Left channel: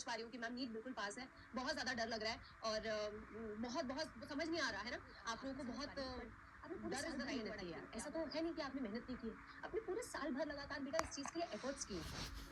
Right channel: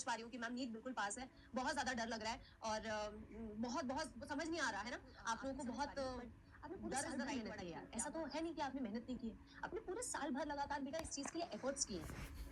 समझ पा रही हूँ कि मैम नीट बिल्कुल पास है, बहुत ज़्यादा डर लग रहा है और बहुत बहुत समझ नहीं आ रहा है ना, आप लोगों को बहुत आपने पूरे साल भर मेहनत की है, ऐसा तो है नहीं कि आपने मेहनत नहीं की है, आपने पूरे साल भर लगातार बेटा इस चीज़ के लिए एफर्ट्स किए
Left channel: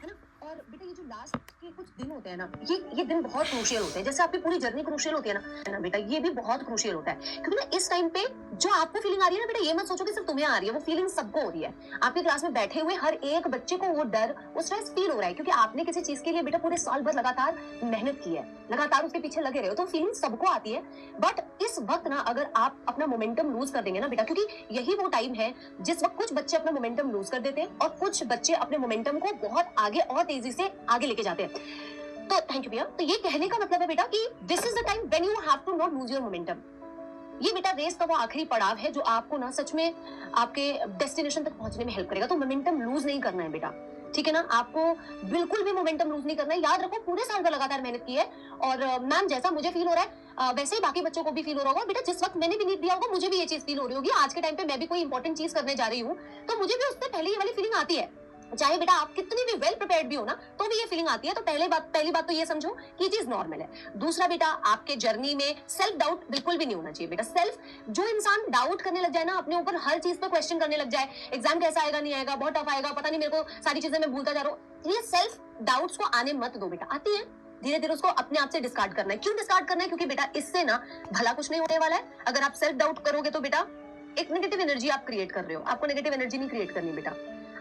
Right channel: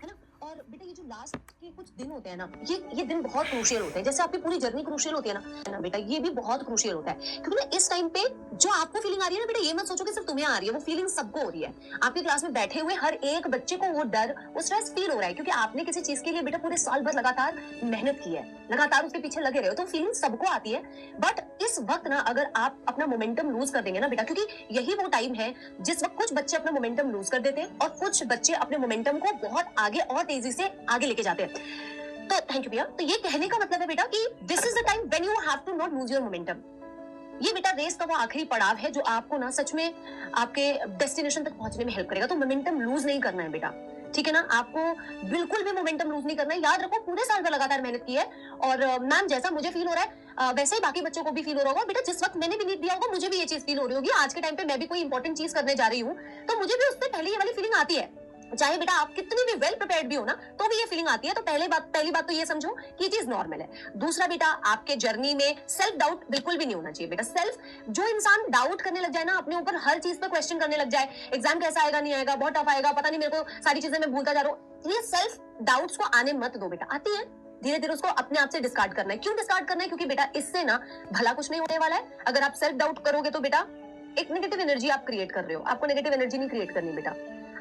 है ना। और बेटा ये जो लास्ट के कुछ दिन होते हैं ना, ये दिन बहुत क्रूशियल होते हैं, जैसे आपकी पूरी जर्नी क्रूशियल होती है ना बेटा, ये भी बहुत क्रूशियल होता है, क्योंकि ना इस टाइम पे जो आपको फीलिंग आ रही है ना बेटा, ये मत सोचो कि सिर्फ तुम्हें आ रही है, वो फीलिंग सबको हो रही है। आपकी क्लास में बैठे हुए हर एक बच्चे को वो डर, वो स्ट्रेस फील हो रहा है, क्योंकि आपने किसी चीज के लिए बेटा पूरे साल भर लगातार मेहनत की है, लगातार उसके पीछे लगे रहे हो, तो फीलिंग सबको आती है। बट इस वक्त ना अगर आप अपना मोमेंटम लूज कर देंगे ना बेटा, क्योंकि यही वो टाइम है जिस वक्त कुछ बच्चे अपना मोमेंटम लूज कर देते हैं और कुछ बच्चे अपने मोमेंटम को बहुत आगे और तेजी से आगे लेके जाते हैं। तो थैंक यू भैया। तो ये कहने का मतलब है बेटा कि this is the time when you have to not lose your momentum. ये बेटा रेस का वो आखिरी पड़ाव है जो आपको ना सच में आपके डेस्टिनेशन तक पहुंचने में हेल्प करेगा। तो मोमेंटम लूज नहीं करना है बेटा, ठीक है ना, आपको बिल्कुल भी मोमेंटम लूज नहीं करना है। याद रखो पूरे साल का लगातार मेहनत की है और मैम जैसा मुझे फील हो रहा है वैसे ही बाकी बच्चों को भी फील हो रहा होगा बेटा। जिस वक्त मैंने भी नीट दिया होगा मुझे भी ये चीज फील हो रही होगी। आज के टाइम पे मैं भी कोई इंपॉर्टेंट चीज करने जा रही हूँ तो मुझे भी उससे पहले ये वाली फीलिंग आती है, चाहे बेटा आप कितनी भी वेल प्रिपेयर्ड भी हो ना तो भी ये फीलिंग आती है। तो पहली बात तो ये समझो कि ये चीज नॉर्मल है। दूसरा बेटा आपके जर्नी में सेल्फ डाउट बिल्कुल भी नहीं होना चाहिए बेटा। जो इंसान डाउट करने लग जाए ना, अपने ऊपर हर चीज पे क्वेश्चन करने लग जाए, एग्जाम कैसा आएगा नहीं आएगा, बहुत टफ आएगा, पता नहीं मेरे को सारी चीजें मैं भूलता जा रहा हूँ, ये सेल्फ डाउट्स को आने मत दो बेटा। आती है धीरे धीरे उसको अपने आप से डिस्कार्ड करना है। क्यों डिस्कार्ड करना है? क्योंकि बेटा इससे ना भला कुछ नहीं होने वाला है। अगर आप सेल्फ डाउट करोगे तो बेटा एक नेगेटिव एनर्जी आप क्रिएट कर रहे हो। आपको नेगेटिव एनर्जी नहीं क्रिएट करनी बेटा।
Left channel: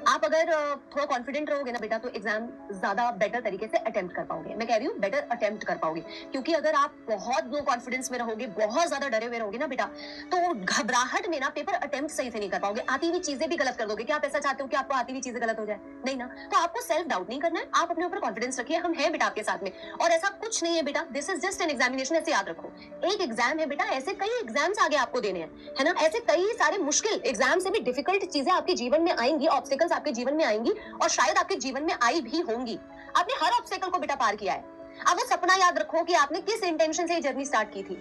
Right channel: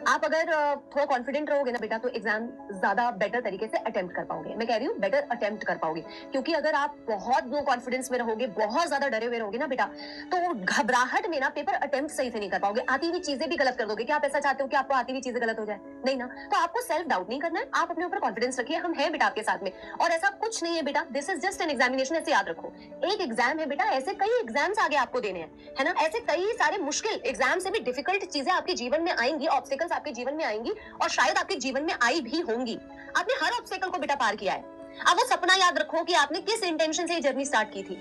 आप अगर थोड़ा कॉन्फिडेंट रहोगे ना बेटा तो एग्जाम ज्यादा बेटर तरीके से अटेम्प्ट कर पाओगे। मैं कह रही हूँ बेटर अटेम्प्ट कर पाओगे, क्योंकि अगर आप बहुत लो कॉन्फिडेंस में रहोगे, बहुत ज्यादा डरे हुए रहोगे ना बेटा, तो घबराहट में ना पेपर अटेम्प्ट सही से नहीं कर पाओगे, आती हुई चीजें भी गलत कर दोगे। क्या आप ऐसा चाहते हो कि आपको आती हुई चीजें गलत हो जाए? नहीं ना। तो आपको सेल्फ डाउट नहीं करना है, आप अपने ऊपर कॉन्फिडेंस रखिए, हम हैं बेटा आपके साथ में। और ऐसा कुछ नहीं है बेटा, this is just an examination, ऐसे याद रखो। एक एग्जाम है बेटा, ऐसे कई एग्जाम्स आगे आपको देने हैं, है ना। ऐसे कई सारे मुश्किल एग्जाम से भी डिफिकल्ट चीजें आपके जीवन में आएंगी, ऑब्स्टिकल्स आपके जीवन में आएंगी और शायद आपके जीवन में आई भी होंगी। आपने हर ऑब्स्टेकल को बेटा पार किया है। अब वो सपना याद रखो कि आपने किस इंटेंशन से ये जर्नी स्टार्ट की थी,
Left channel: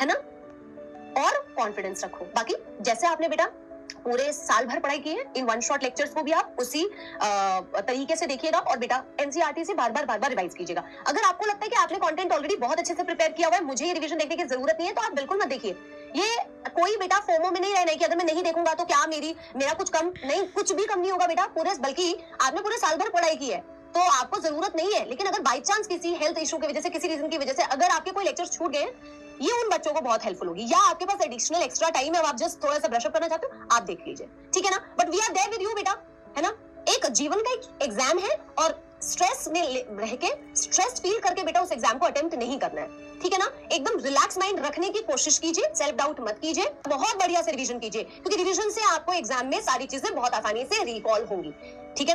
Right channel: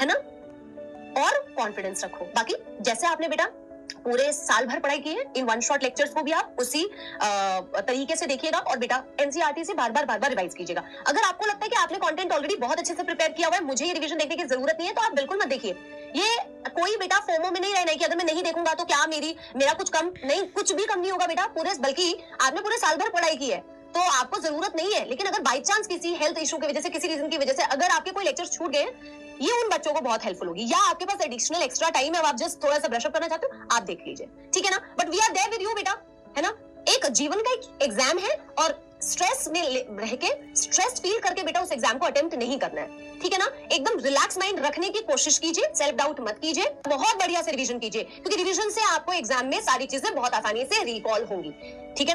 है ना, और कॉन्फिडेंस रखो। बाकी जैसे आपने बेटा पूरे साल भर पढ़ाई की है, इन वन शॉट लेक्चर्स को भी आप उसी तरीके से देखिएगा और बेटा एनसीईआरटी से बार बार रिवाइज कीजिएगा। अगर आपको लगता है कि आपने कंटेंट ऑलरेडी बहुत अच्छे से प्रिपेयर किया हुआ है, मुझे ये रिवीजन देखने की जरूरत नहीं है, तो आप बिल्कुल मत देखिए। ये कोई बेटा फोमो में नहीं रहना है कि अगर मैं नहीं देखूंगा तो क्या मेरा कुछ कम नहीं, कुछ भी कम नहीं होगा बेटा। बल्कि आपने पूरे साल भर पढ़ाई की है तो आपको जरूरत नहीं है। लेकिन अगर बाई चांस किसी हेल्थ इशू की वजह से, किसी रीजन की वजह से अगर आपके कोई लेक्चर छूट गए, ये उन बच्चों को बहुत हेल्पफुल होगी। या आपके पास एडिशनल एक्स्ट्रा टाइम है, आप जस्ट थोड़ा सा ब्रशअप करना चाहते हो, आप देख लीजिए, ठीक है ना। But we are there with you बेटा, है ना। एक जीवन का एक एग्जाम है और स्ट्रेस में रह के, स्ट्रेस फील करके बेटा उस एग्जाम को अटेम्प्ट नहीं करना है, ठीक है ना। एकदम रिलैक्स माइंड रखने की कोशिश कीजिए, सेल्फ डाउट मत कीजिए, बहुत बढ़िया से रिवीजन कीजिए, क्योंकि रिवीजन से आपको एग्जाम में सारी चीजें बहुत आसानी से रिकॉल होंगी, ठीक है ना।